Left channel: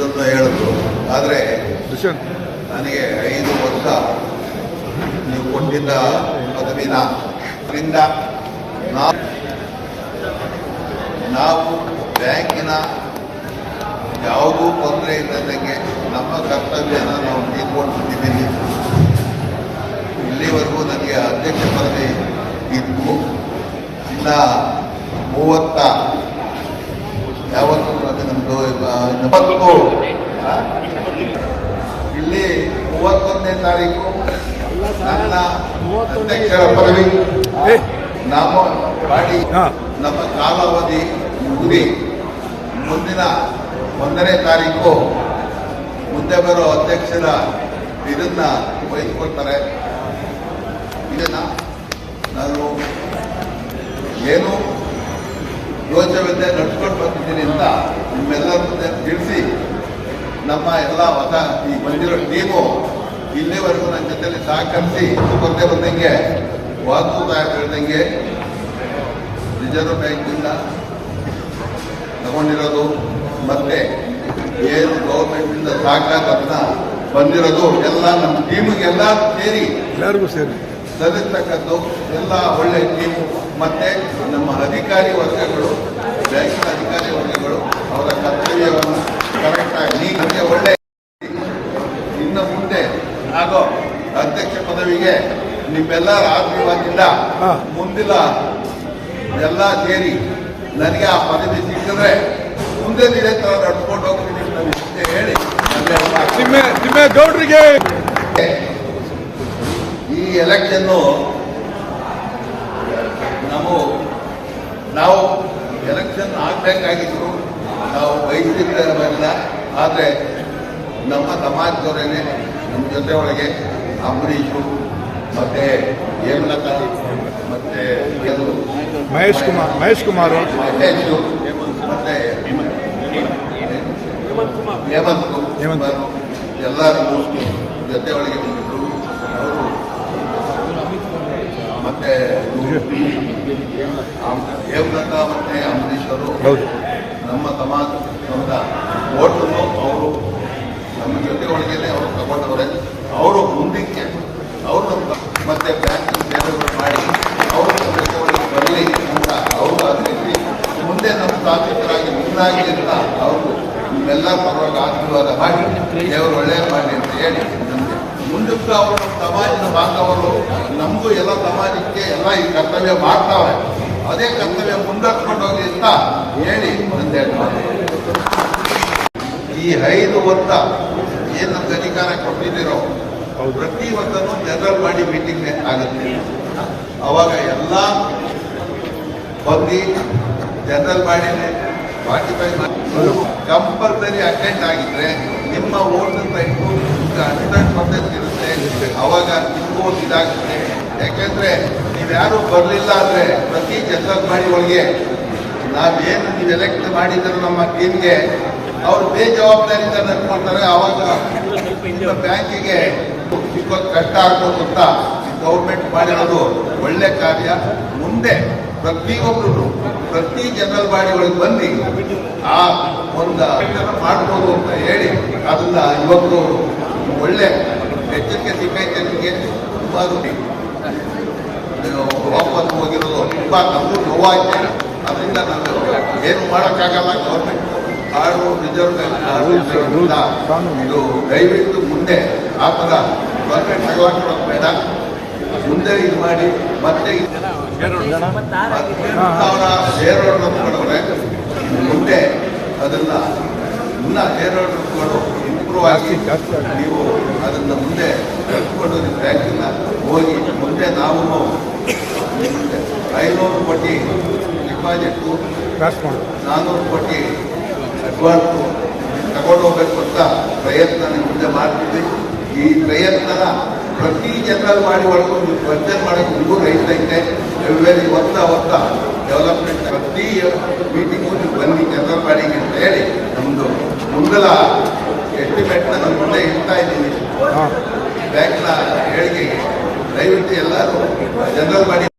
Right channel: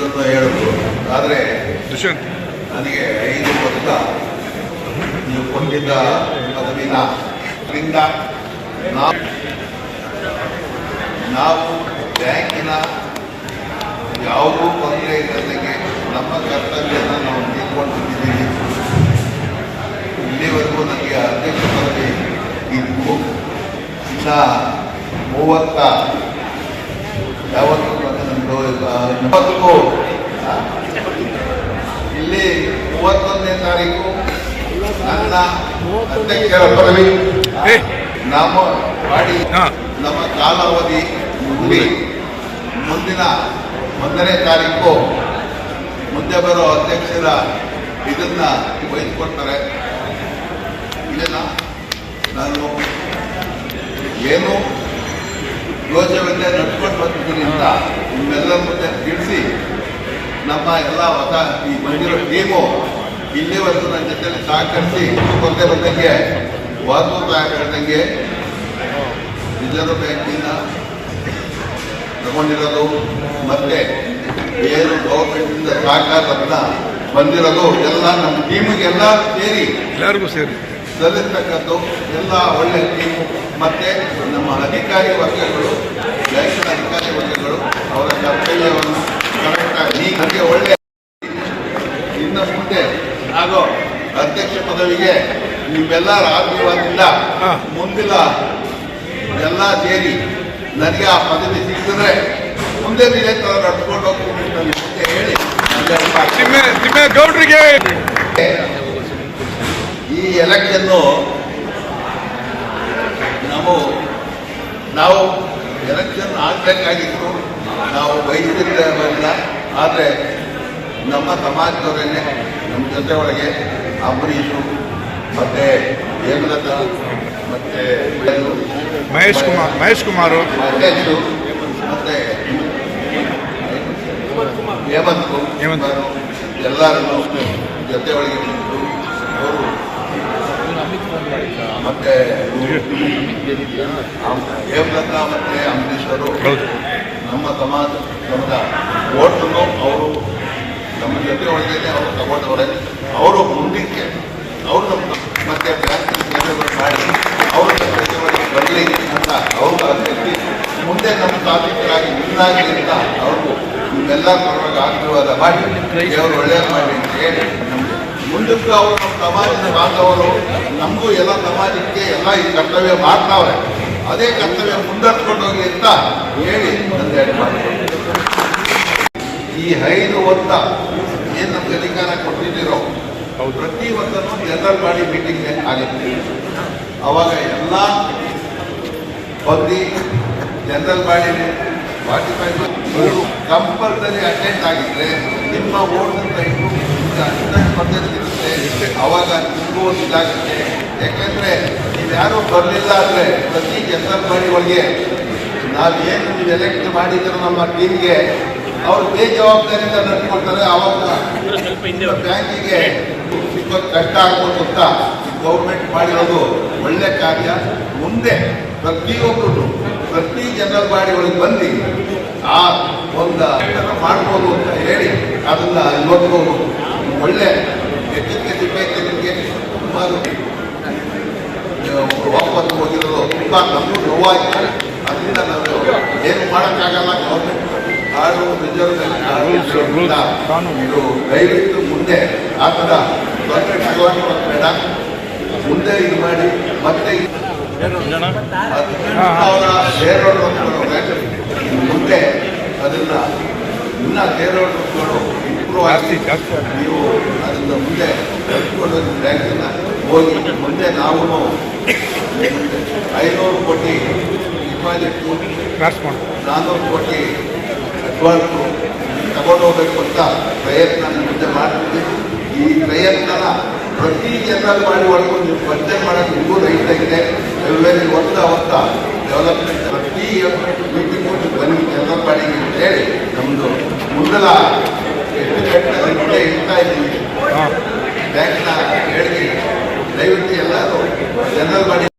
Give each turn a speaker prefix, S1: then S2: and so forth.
S1: ಅಂತ ಹೇಳಿದ್ರು ಆದರೆ ನನಗೆ ಐದು ವರ್ಷ ನೀವು ಕೊಟ್ಟಿದ್ದ ಪದವಿನ. ಅದರಿಂದ ನಾವು ನಾವು ಬ್ಯಾಂಕಿನ ಯಾವುದೂ ತೊಂದರೆ ಇಲ್ಲದಂಗೆ ನಮ್ಮ ಕರ್ತವ್ಯವನ್ನು ನಾವು ನೀಡ್ಕೊಂಡಿದ್ದೀವಿ ಇಲ್ಲಿವರೆಗೂ ನನಗೆ ಅಧ್ಯಕ್ಷ ಪದವಿ ಇದ್ದು ಇನ್ನ ಮೂವತ್ತ ಯಾವತ್ತೂ ಅದನ್ನು ಮೂವತ್ತಕ್ಕೂ ತಾರೀಕು. ನನ್ನ ಅಧ್ಯಕ್ಷರ ಪದವಿ. ನಮ್ಮ ಮಾಡಿ ನಮ್ಮ ಕಾಲಾವಧಿ ಮುಗಿದಿ. ಮುಂದಿನ ಒಂದನೇ ತಾರೀಕು. ಮುಂದೆ ಬರೋ ಅಧ್ಯಕ್ಷರ ಇದನ್ನ ವಹಿಸ್ಕೊಳ್ತಾರೆ ಇದನ್ನ ನಾನು ಏನು ಯೋಚನೆ ನಡ್ಕೊಂಡು ಬಂದಿದ್ದೀನಿ ಅಂತ ನಿಮ್ಮೆಲ್ಲರ ಮುಂದೆ ತಿಳಿಸಿ ನಮ್ಮ ಎಲ್ಲ ಹೊಸ ಈ ಬಂದಿರೋ ಟೀಮು ಇಲ್ಲಿವರೆಗೂ ನನ್ನ ಜೊತೆಯಲ್ಲಿ ಸಹಕರಿಸಿ ಬಂದೇ ಬಂದಂಗೆ ವಾಸು ಹೇಳ್ದಂಗೆ ರಿಸರ್ವ್ ಬ್ಯಾಂಕಿಂದ ತಗೊಂಡಿರೋದು ಮತ್ತೆ ಏನು ಗೌರ್ಮೆಂಟಿಂದ ಸಹಕಾರದಿಂದ ಬಂದಿರೋದು ಎಲ್ಲ ನಮ್ಮ ಟೀಮಿಗೆಲ್ಲ ಸೇರಿ
S2: ಎಲ್ಲರಿಗೂ ಸೇರಿ.
S1: ಸಲ್ಲಿಸ್ತಕ್ಕದ್ದು ಎಲ್ಲ ಒಳ್ಳೆ ಟೀಮ್ ಮತ್ತೆ ನಮ್ಮ ಅಧಿಕಾರಿ ವರ್ಗಗಳು ಬ್ಯಾಂಕಿನ ಅಧಿಕಾರಿ ವರ್ಗಗಳು ಅವರ ಕರ್ತವ್ಯವನ್ನು ಕರೆಕ್ಟಾಗಿ ಹೀಗೆ ಒಳ್ಳೆ ಇನ್ನು ಮುಂದೆ ಆಗೋ ಅಧ್ಯಕ್ಷ ಪದವಿಗೆ ನಿಮ್ಮೆಲ್ಲರ ಆಶೀರ್ವಾದದಿಂದ
S2: ಮುಂದಿಲ್ಲ
S1: ಮುಂದಿನ ಎಲ್ಲ ಸೇರಿ ನನಗೆ ಆ ಪದವಿ ಸಿಕ್ಕಿದ್ರೆ ಮುಂದೆ ಇದೇ ಥರ ನಡ್ಸ್ಕೊಂಡು ಹೋಗ್ತೀನಿ ಹೇಳಿ
S2: ತಿಮ್ಮೆ
S1: ಈ ಎಲೆಕ್ಷನ್ನು ನಾವು ನಾವು ಎಲೆಕ್ಷನ್ ಆಗಬೇಕಾಗಿತ್ತು. ನಾವು ಬಯಸಿದ್ದೇವಲ್ಲ ಆದರೆ ನಮ್ಮ ಸಮಾಜದವರೇನೆ ನಮ್ಮ ಜೊತೆ ಒಳಗೆ ಅಂಬರೀಷು ಮತ್ತೆ ಹೇಮಲತಾ ಮತ್ತೆ
S2: ಮಹೇಶ್ ಕುಮಾರ್ ಮಹೇಶ್ ಕುಮಾರ್
S1: ಮತ್ತೆ ಹೇಮಂತ್
S2: ಹೇಮಂತ್.
S1: ಎಲ್ಲರೂ ಜೊತೆ ಒಳಗೆ ನಿಂತು ಅವರು ಮತ್ತೆ ಹೇಮಲತಾ ಮತ್ತೆ ಅಂಬರೀಷ್ ಅವರು ನಮ್ಮ ಸಮಾಜ ಅವರು ಜೊತೆ ಒಳಗಡೆ ಅವರು ತಗೊಂಡವ್ರೆ, ಅವರು ಮುಂದಕ್ಕೆ ಅವರು ಮತ್ತೆ ಬ್ಯಾಂಕ್ ಸೇವೆಗಳು ಮಾಡಿ ಅವರು ಒಳಗೆ ಬರಲಿ ಅಂತ ಅವರು ಅಧ್ಯಕ್ಷಿ ಮುಂದೆ ನಮ್ಮ ಸಾಧಿತರಾಗಿ ಮುಂದಾಗಲಿ ಅಂತ ಅವರು ನಿಮ್ಮೆಲ್ಲ ಪರವಾಗಿ ಆಶೀರ್ವಾದ ಮಾಡಿ, ದೇವರು ಒಳ್ಳೆಯದು ಮಾಡಿ ಅಂತ ಹೇಳಿ ಮುಂದಕ್ಕೂ ಅವರು ಸಮಾಜದ ಬಾಂಧವರು, ನಮಗೂ ಎಲ್ಲ ಸಮಾಜಕ್ಕೆ ಎಲ್ಲ ಈ ಕರ್ತವ್ಯ ಮಾಡ್ತಾವ್ರೆ. ಅದೇ ಕರ್ತವ್ಯ ಮುಂದೆ ಹೋಗಿ ಅಂತ ಹೇಳಿ ಅಂತ ಮಾತು ಈ ಐದು ಒತ್ತ ಏನು ನಮ್ಗೆ ಅಧಿಕಾರ ಕೊಟ್ಟಿದ್ದೀರೋ ಪ್ರತಿ ಒಂದನ್ನು ಜನರಲ್ ಬಾಡಿ ಮೀಟಿಂಗ್ ಆಗುತ್ತೆ. ಅವಾಗ ಎಲ್ಲ ಬಂದು ಜನರಲ್ ಬಾಡಿ ವಾಟಿಫೈ ಮೂರು ಕಂಪಲ್ಸರಿ ಅಟೆಂಡ್ ಆಗಿದ್ರೆ ನಿಮ್ಮ ಓಟ್ ಟೈಮು ಅಟೆಂಡೆನ್ಸ್ ಇರುತ್ತೆ. ಅವಾಗ ನಿಮಗೂ ಇದಾಗುತ್ತೆ. ಯಾಕೆಂದ್ರೆ ನೀವ್ಯಾರು ಬರಲಿಲ್ಲ ಅಂದ್ರೆ ಪ್ರತಿ ಜನರಲ್ ಬಾಡಿ ಒಳಗೆ ನಾವೇನು ನೀವು ಎಲೆಕ್ಟ್ ಮಾಡಿದ್ರು ನಮ್ಮ ಟೀಮ್ಗೆ ಅವರು ಬೇಜವಾಬ್ದಾರಿಯಿಂದ ನಡ್ಕೊಳ್ತಾರೆ ಅವಾಗ ಬ್ಯಾಂಕಿಗೆ ಸಿಕ್ಕೋದು ಕಷ್ಟ ಆಗ್ಬೋದು ಅಂತ ಗೌರ್ಮೆಂಟ್ ಮಾಡಿರೋದು ಒಳ್ಳೆ ಕಾರ್ಯ. ಮುಂದೆ ಪ್ರತಿಯೊಬ್ಬರು ಪ್ರತಿ ಜನರಲ್ ಬಾಡಿ ಒಳಗೆ ಬಂದು ಆ ಒಂದು ಥರ ಮಾಡ್ಬೋದು ಅಂತ ಹೇಳಿ ಅದನ್ನ ಇವತ್ತು ಒಳ್ಳೆ ಎಚ್ಚರಿಕೆ ಸಿಕ್ಕೈತೆ ನಿಮಗೆ. ಸುಮಾರು ವಾಪಸ್ ಹೋಗಿರೋದು ತುಂಬ ನಮಗೂ ನೋವಾಗಿದೆ ಅದರಿಂದ ನಾವು ಏನು ಮಾಡೋಕ್ಕಾಗಲ್ಲ ಗೌರ್ಮೆಂಟ್ ಆರು ರಿಸರ್ವ್ ಇದು ದಯವಿಟ್ಟು ಮುಂದೆ ಆ ಥರ ಮುಂದೆ ಇದು ಮಾಡಿ ಮತ್ತೆ ಸಾವಿರ ಶೇರ್ ಹೋಲ್ಡರ್ಗಳವ್ರೆ ಮುಂದೆ ಅದನ್ನ ಇನ್ನ ಶೇರ್ ಹೋಲ್ಡರ್ಗಳು ಇಂಪ್ರೂವ್ ಆಗಿ ನೀವು ಅದನ್ನ ಮುಂದೆ ಕಲ್ತ್ಕೊಂಡು ಬ್ಯಾಂಕಿನ ಹೋಗಿ ಮುಂದೆ ನಾವು ಐನೂರು ಕೋಟಿ
S2: ಡಿಪಾಸಿಟ್
S1: ನಾನ್ನೂರು ಕೋಟಿ ಅಡ್ವಾನ್ಸು ತಗೊಂಡು ಹೋಗ್ಬೇಕು ಅಂತ ಪ್ರಯತ್ನ ಮುಂದೆ ಮಾಡ್ತೀವಿ. ಈ ಪ್ರಯತ್ನನ ಪ್ರತಿ ಜನರಲ್ ಮಾಡಿ ಒಳಗೂ ನೀವು ಬಡ್ಜೆಟ್ ಮಾಡಕ್ಕೆ ನಿಮಗೂ ರೈತರಿಗೆ ಎಲ್ಲಿ ಹೋಗ್ತಾ ಹೋಗ್ತಾ ಡೆವಲಪ್ಮೆಂಟ್ ಪ್ರತಿ ಮೀಟಿಂಗ್ ನೀವು ಬನ್ನಿ ಜನರಲ್ ಬಾಡಿಗೆ ಅಂತ ಹೇಳಿ ನಮ್ಮದು ಮುಂದಲ ಎಸ್ಟಿಮೇಟ್ನ ಇರ್ತಾ ಮುಂದೆ ಇಡ್ತಾ ಇದ್ದೀವಿ. ಬ್ಯಾಂಕ್ನ ಹೇಳಿಕೆ. ದಯವಿಟ್ಟು ಎಲ್ಲರೂ ಜನರಲ್ ಬಾಡಿ